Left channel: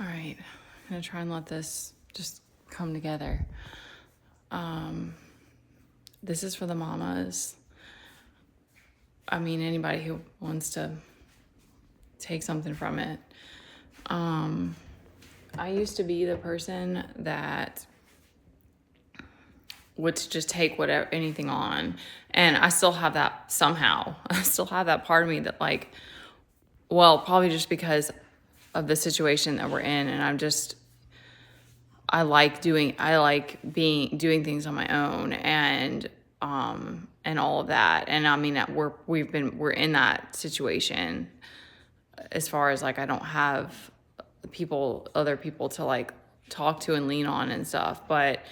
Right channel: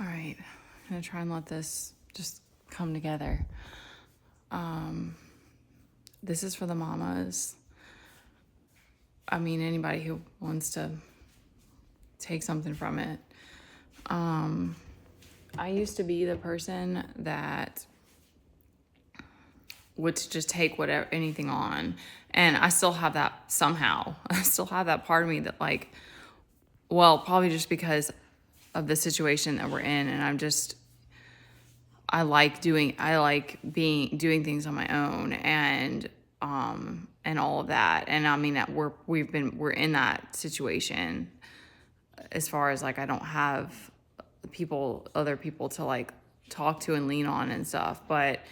All right, I'm gonna try and let this just come together. This is for the mamas. I mean, anybody who wants to take something from it. I used to be the person that would just take whatever, anything on. And I still have that somehow. I still have that part of me that like, well, probably just because of the situation that we're in. And I like doing things on my own and all of that. And I mean, we're in that situation as far as like, I don't have other people to like talk to and lean on and stuff. But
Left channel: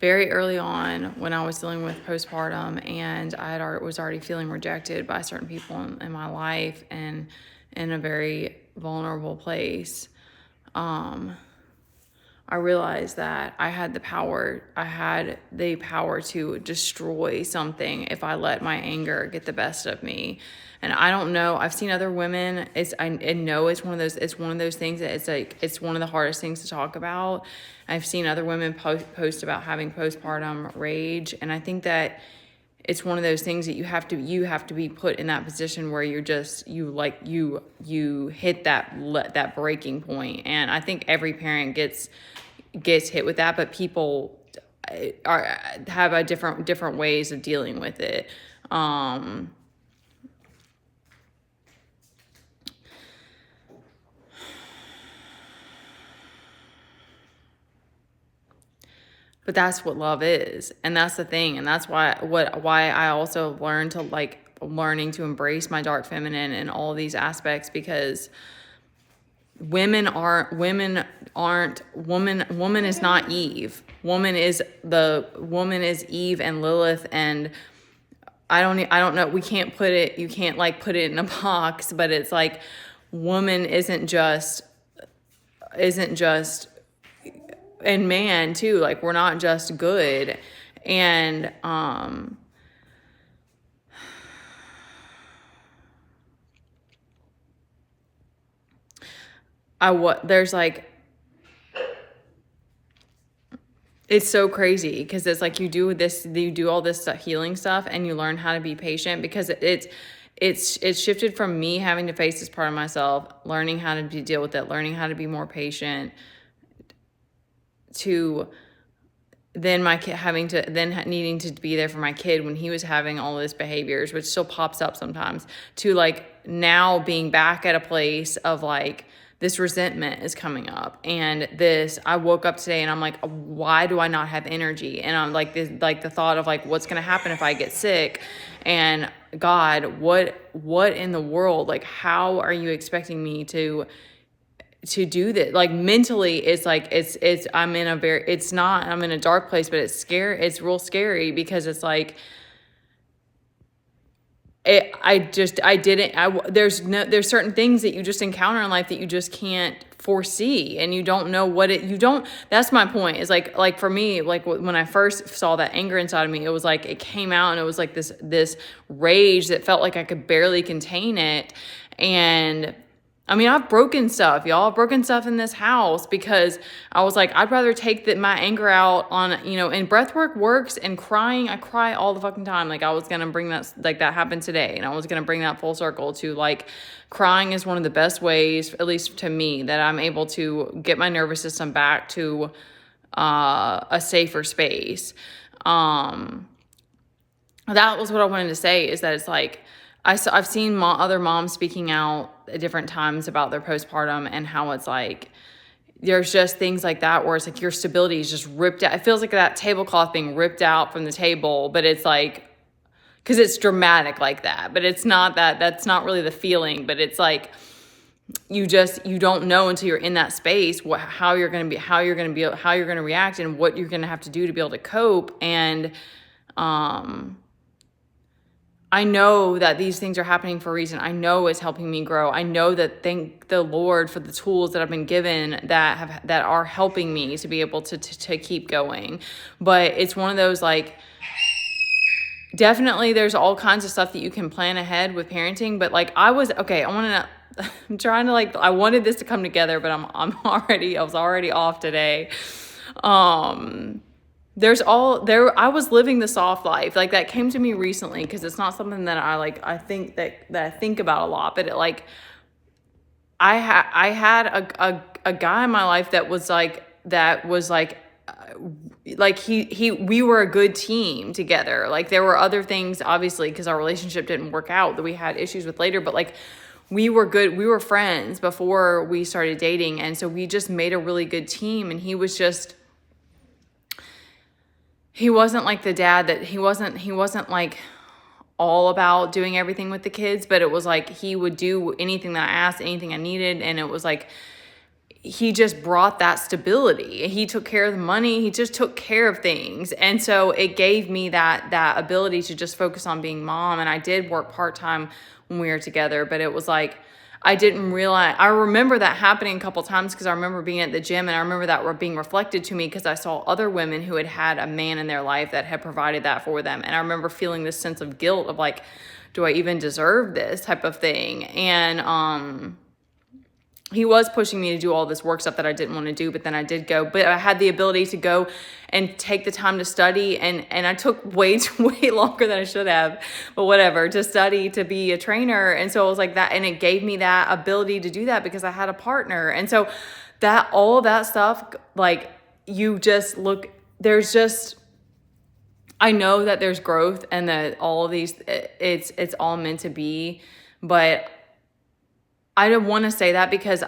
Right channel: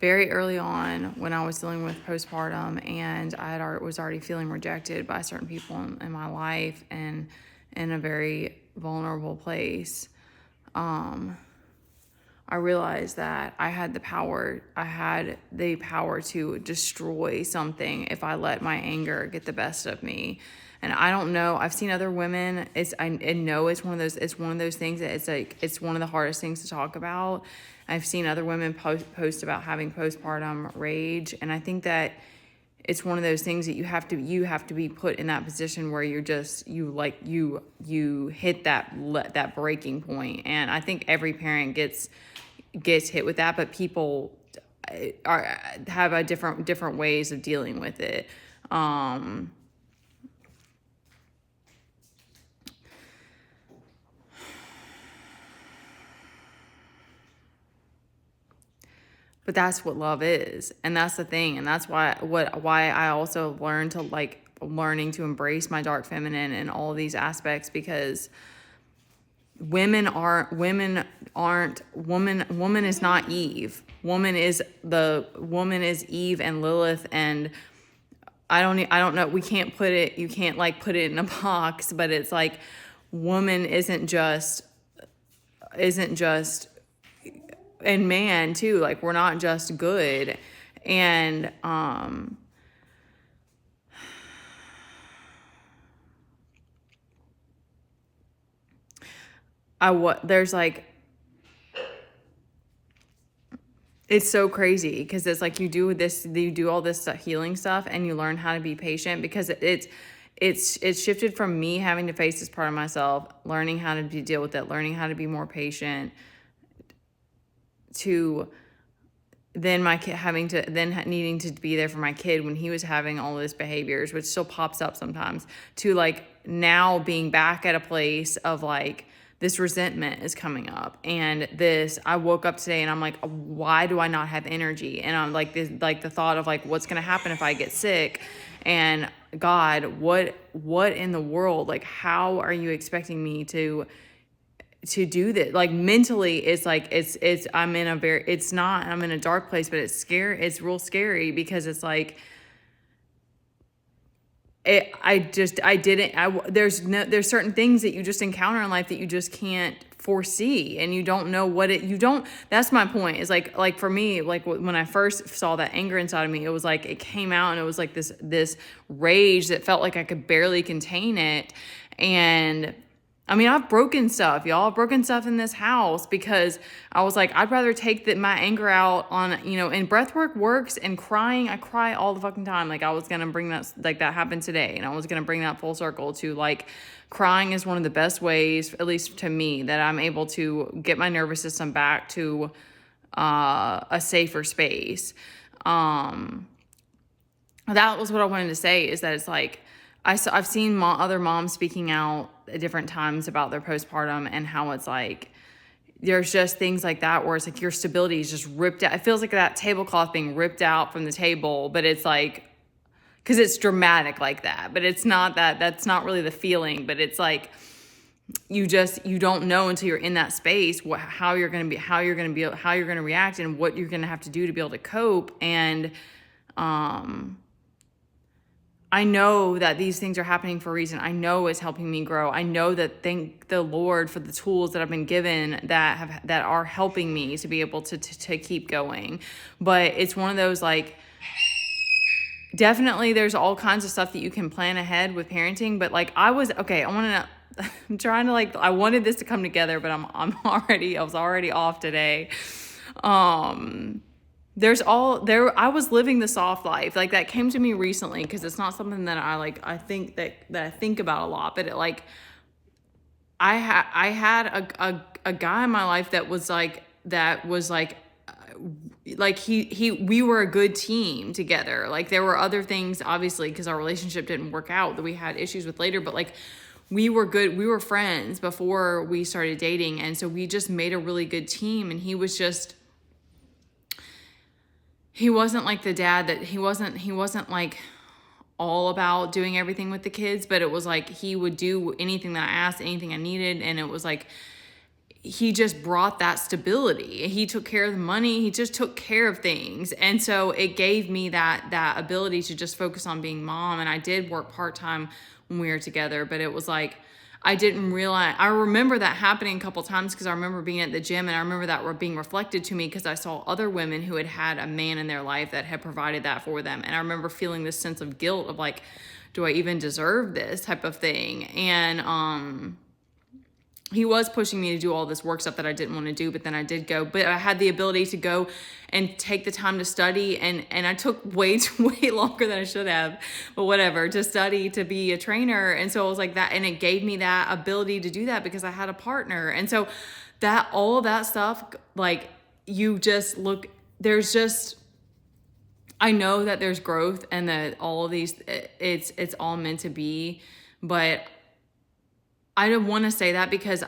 very early on when I was dealing with postpartum and was already feeling rejected by certain people in my life and in a very vulnerable place, I realized that I had the power to destroy something if I let my anger get the best of me. And I don't know, I've seen other women, I know it's one of those things that it's one of the hardest things to talk about. I've seen other women post about having postpartum rage. And I think that it's one of those things that you have to be put in that position where you hit that breaking point. And I think every parent gets hit with that, but people have a different ways of dealing with it. But that's what love is. And that's the thing. And that's why I also learned to learning to embrace my dark feminine in all these aspects, because woman is not Eve. Woman is Eve and Lilith. And I don't know. You can't put it in a box, but it's like, woman isn't just, and man too, like we're not just good. And there's like, it's so crazy because it's like you do all this stuff, healing stuff, and you learn how to be patient, because it's shifted from me having to face this part of myself, learning how to deal with it, learning how to be more patient, to then my kid needing to be there for my kid when he was having all those behaviors, which still pops up sometimes, to like now being back at a place of like, this resentment is coming up. And I woke up today and I'm like, why do I not have energy? And I'm like, the thought of like, what's going to happen if I get sick? And God, what in the world? Like, how are you expecting me to do this? Like mentally, it's like, I'm in a dark place, but it's scary. It's real scary because it's like, there's certain things that you just encounter in life that you just can't foresee, and you don't know that's my point, is like for me, like when I first saw that anger inside of me, it was like, it came out and it was like this rage that felt like I could barely contain it. And I mean, I've broken stuff, y'all. I've broken stuff in this house because I was like, I'd rather take my anger out on, and breath work works, and crying. I cry all the fucking time. Like I was going to bring that, like that happened today. And I was going to bring that full circle to like, crying is one of the best ways, at least to me, that I'm able to get my nervous system back to a safer space. That was what I wanted to say, is that it's like, I've seen other moms speaking out at different times about their postpartum, and how it's like, there's just things like that where it's like your stability is just ripped out. It feels like that tablecloth being ripped out from the table, but it's like, because it's dramatic like that, but it's not that's not really the feeling, but it's like, you don't know until you're in that space how you're going to react, and what you're going to have to do to be able to cope. And I know that these things are happening for a reason. I know it's helping me grow. I know that, thank the Lord for the tools that I've been given that are helping me to be able to keep going. But it's one of those, like, definitely there's all kinds of stuff that you can plan ahead with parenting, but like I was I'm trying to like, I wanted this to come together, but I was already off today. I was living the soft life. Like that came to me recently because it's not something that I think that I think about a lot, but I had a guy in my life that was like, we were a good team together. Like there were other things, obviously, because our relationship didn't work out, that we had issues with later, but like we were good. We were friends before we started dating. And so we just made a really good team. And he wasn't like the dad that he wasn't like all about doing everything with the kids, but it was like he would do anything that I asked, anything I needed. And it was like, he just brought that stability. He took care of the money. He just took care of things. And so it gave me that ability to just focus on being mom. And I did work part-time when we were together, but it was like, I didn't realize, I remember that happening a couple times because I remember being at the gym and I remember that being reflected to me because I saw other women who had a man in their life that had provided that for them. And I remember feeling this sense of guilt of like, do I even deserve this type of thing? And, he was pushing me to do all this work stuff that I didn't want to do, but then I did go. But I had the ability to go and take the time to study, and I took way longer than I should have, but whatever, to study to be a trainer. And so it was like that, and it gave me that ability to do that because I had a partner. And so that all of that stuff, like you just look, there's just, I know that there's growth and that all of these, it's all meant to be, but I don't want to say that because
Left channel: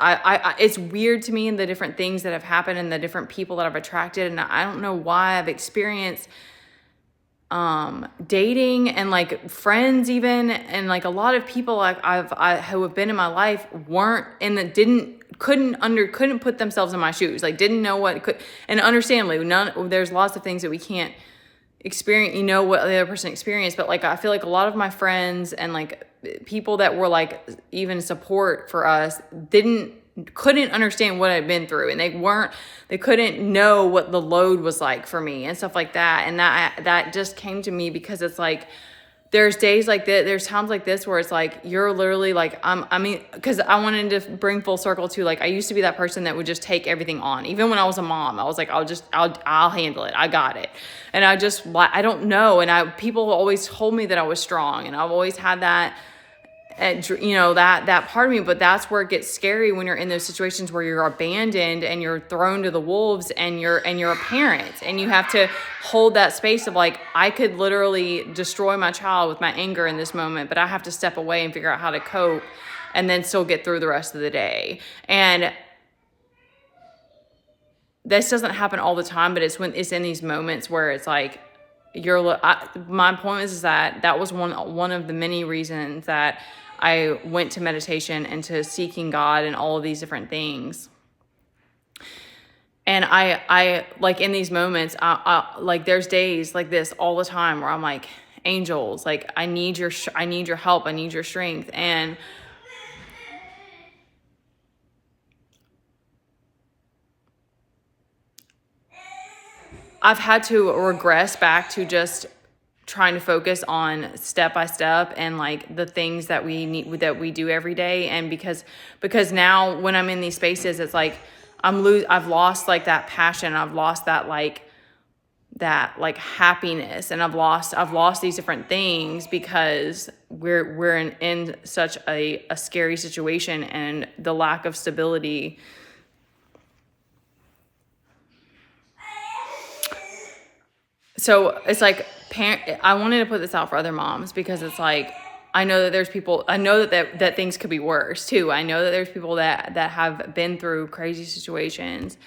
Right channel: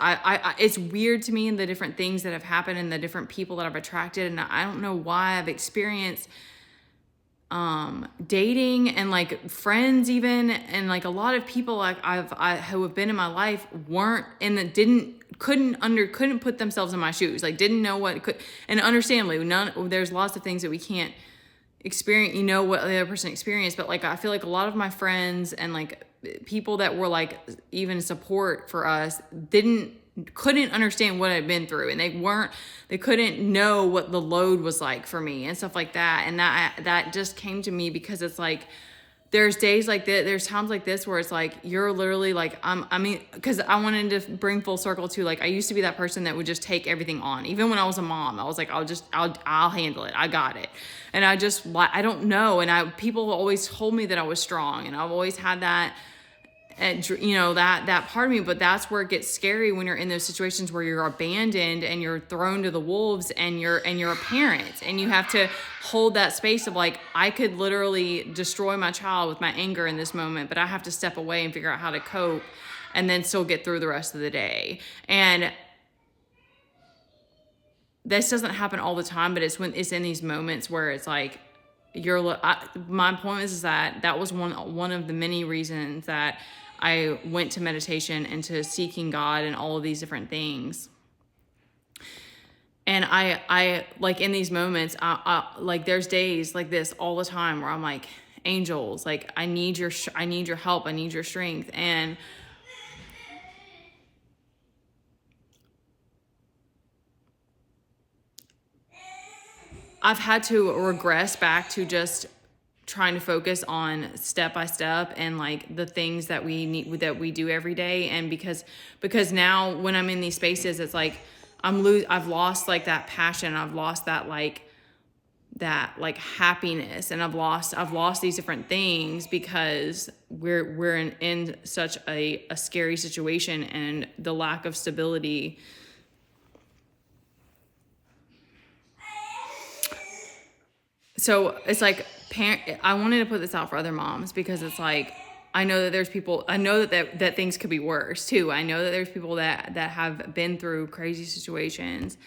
it's weird to me, the different things that have happened and the different people that I've attracted. And I don't know why I've experienced dating and like friends even. And like a lot of people who have been in my life couldn't put themselves in my shoes. Like didn't know what could, and understandably there's lots of things that we can't experience, what the other person experienced. But like, I feel like a lot of my friends and like people that were like even support for us couldn't understand what I'd been through, and they couldn't know what the load was like for me and stuff like that. And that just came to me because it's like, there's days like that, there's times like this where it's like, you're literally like, because I wanted to bring full circle to like, I used to be that person that would just take everything on. Even when I was a mom, I was like, I'll handle it. I got it. And I don't know. And people always told me that I was strong, and I've always had that, that part of me. But that's where it gets scary when you're in those situations where you're abandoned and you're thrown to the wolves, and you're a parent, and you have to hold that space of like, I could literally destroy my child with my anger in this moment, but I have to step away and figure out how to cope and then still get through the rest of the day. And this doesn't happen all the time, but it's in these moments where it's like, my point is that was one of the many reasons that I went to meditation and to seeking God and all of these different things. And I like in these moments, I like there's days like this all the time where I'm like, angels, like I need your help. I need your strength. And I've had to regress back to just trying to focus on step by step and like the things that we do every day. And because now when I'm in these spaces, it's like I've lost like that passion. I've lost that happiness, and I've lost these different things because we're in such a scary situation, and the lack of stability. So it's like, I wanted to put this out for other moms because it's like, I know that there's people, I know that things could be worse too. I know that there's people that have been through crazy situations,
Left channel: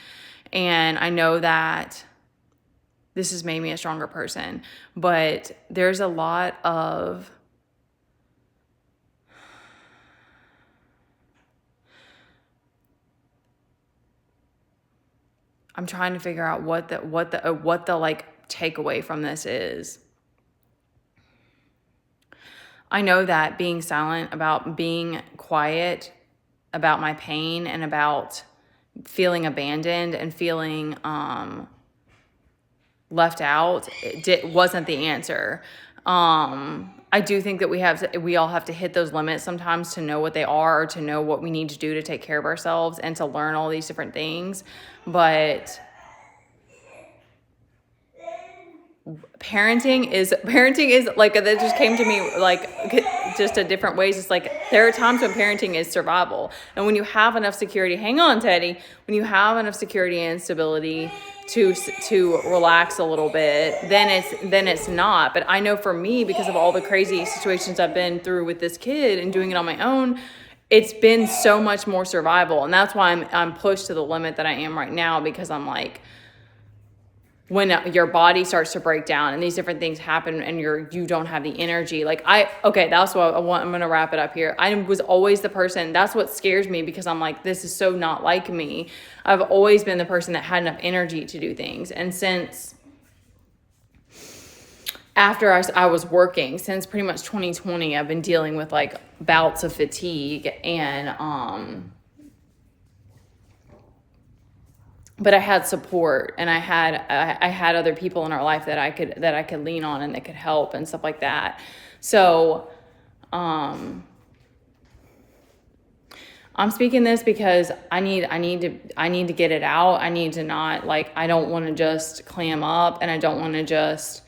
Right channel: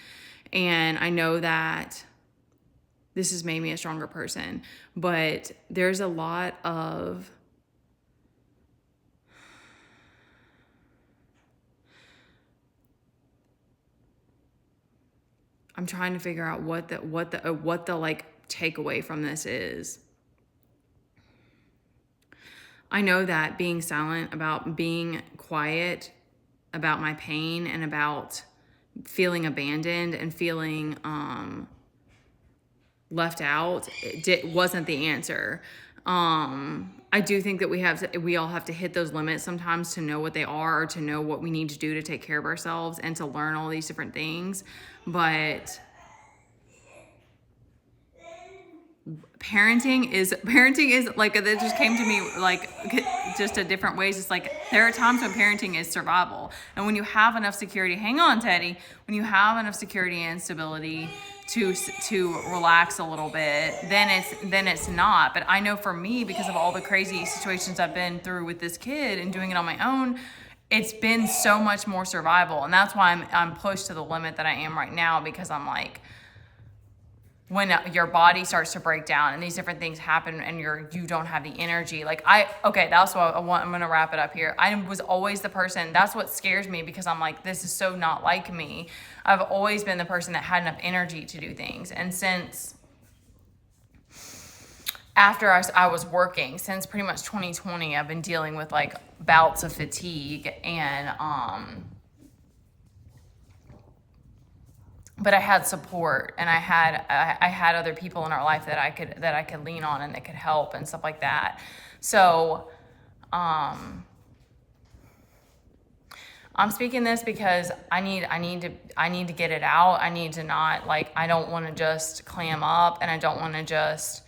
and I know that this has made me a stronger person, but there's a lot of I'm trying to figure out what the like takeaway from this is. I know that being silent, about being quiet about my pain and about feeling abandoned and feeling left out, wasn't the answer. I do think that we all have to hit those limits sometimes to know what they are, or to know what we need to do to take care of ourselves and to learn all these different things. But parenting is like, that just came to me like just a different ways. It's like there are times when parenting is survival, and when you have enough security, hang on, Teddy, when you have enough security and stability to relax a little bit, then it's not. But I know for me, because of all the crazy situations I've been through with this kid and doing it on my own, it's been so much more survival. And that's why I'm pushed to the limit that I am right now, because I'm like, when your body starts to break down and these different things happen and you don't have the energy. Like okay, that's what I want. I'm going to wrap it up here. I was always the person, that's what scares me, because I'm like, this is so not like me. I've always been the person that had enough energy to do things. And since after I was working, since pretty much 2020, I've been dealing with like bouts of fatigue, and, but I had support, and I had other people in our life that I could lean on and that could help and stuff like that. So, I'm speaking this because I need to get it out. I need to not, like, I don't want to just clam up, and I don't want to just,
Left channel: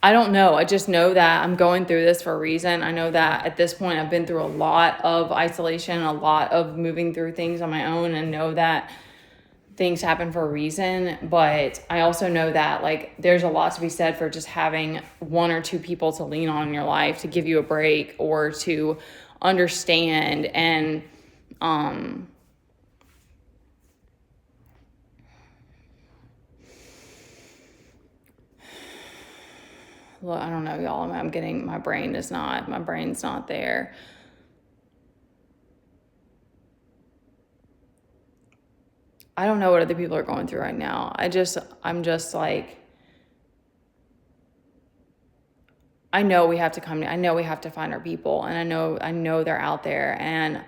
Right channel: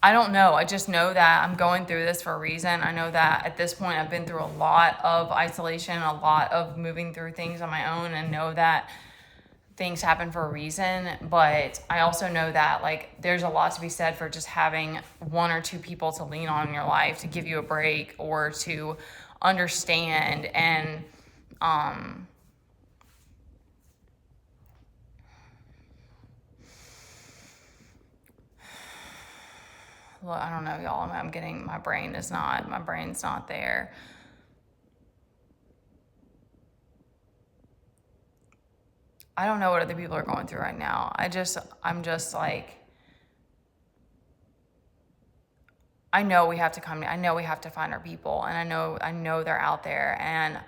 I don't know. I just know that I'm going through this for a reason. I know that at this point I've been through a lot of isolation, a lot of moving through things on my own, and know that things happen for a reason. But I also know that, like, there's a lot to be said for just having one or two people to lean on in your life to give you a break, or to understand. And, well, I don't know, y'all. My brain's not there. I don't know what other people are going through right now. I'm just like, I know we have to find our people, and I know they're out there. And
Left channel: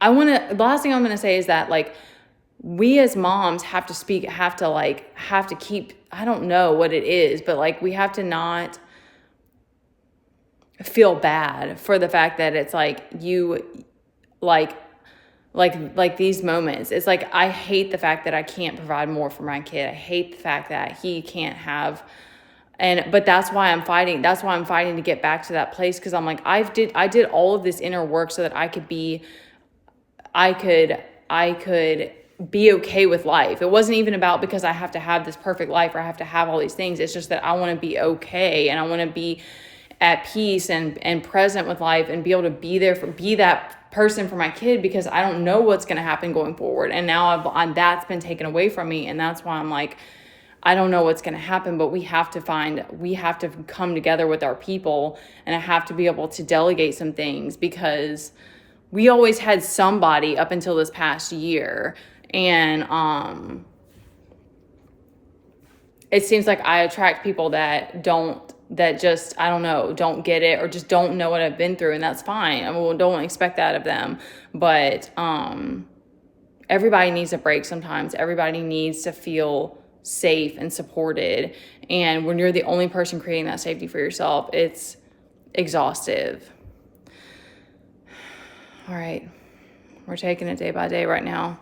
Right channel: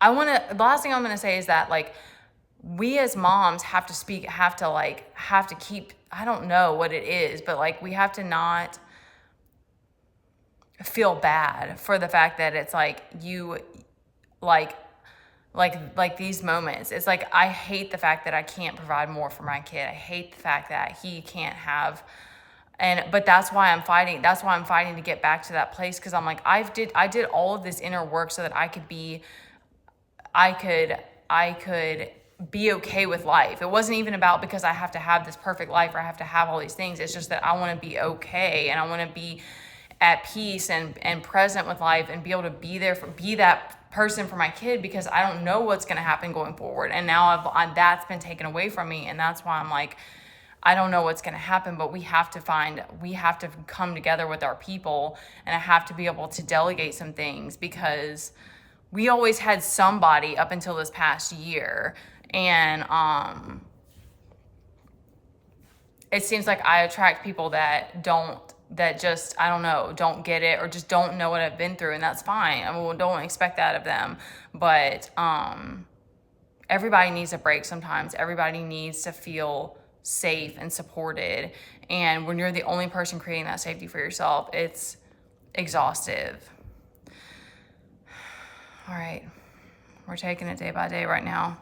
the last thing I'm going to say is that, like, we as moms have to keep, I don't know what it is, but like, we have to not feel bad for the fact that it's like, you like these moments. It's like, I hate the fact that I can't provide more for my kid. I hate the fact that he can't have, but that's why I'm fighting. That's why I'm fighting to get back to that place. Cause I'm like, I did all of this inner work so that I could be okay with life. It wasn't even about because I have to have this perfect life, or I have to have all these things. It's just that I want to be okay, and I want to be at peace and present with life, and be able to be that person for my kid, because I don't know what's going to happen going forward. And now that's been taken away from me. And that's why I'm like, I don't know what's going to happen, but we have to come together with our people, and I have to be able to delegate some things, because we always had somebody up until this past year. And it seems like I attract people that just, I don't know, don't get it, or just don't know what I've been through, and that's fine. I mean, don't expect that of them. But everybody needs a break sometimes. Everybody needs to feel safe and supported. And when you're the only person creating that safety for yourself, it's exhaustive. All right. We're taking it day by day right now.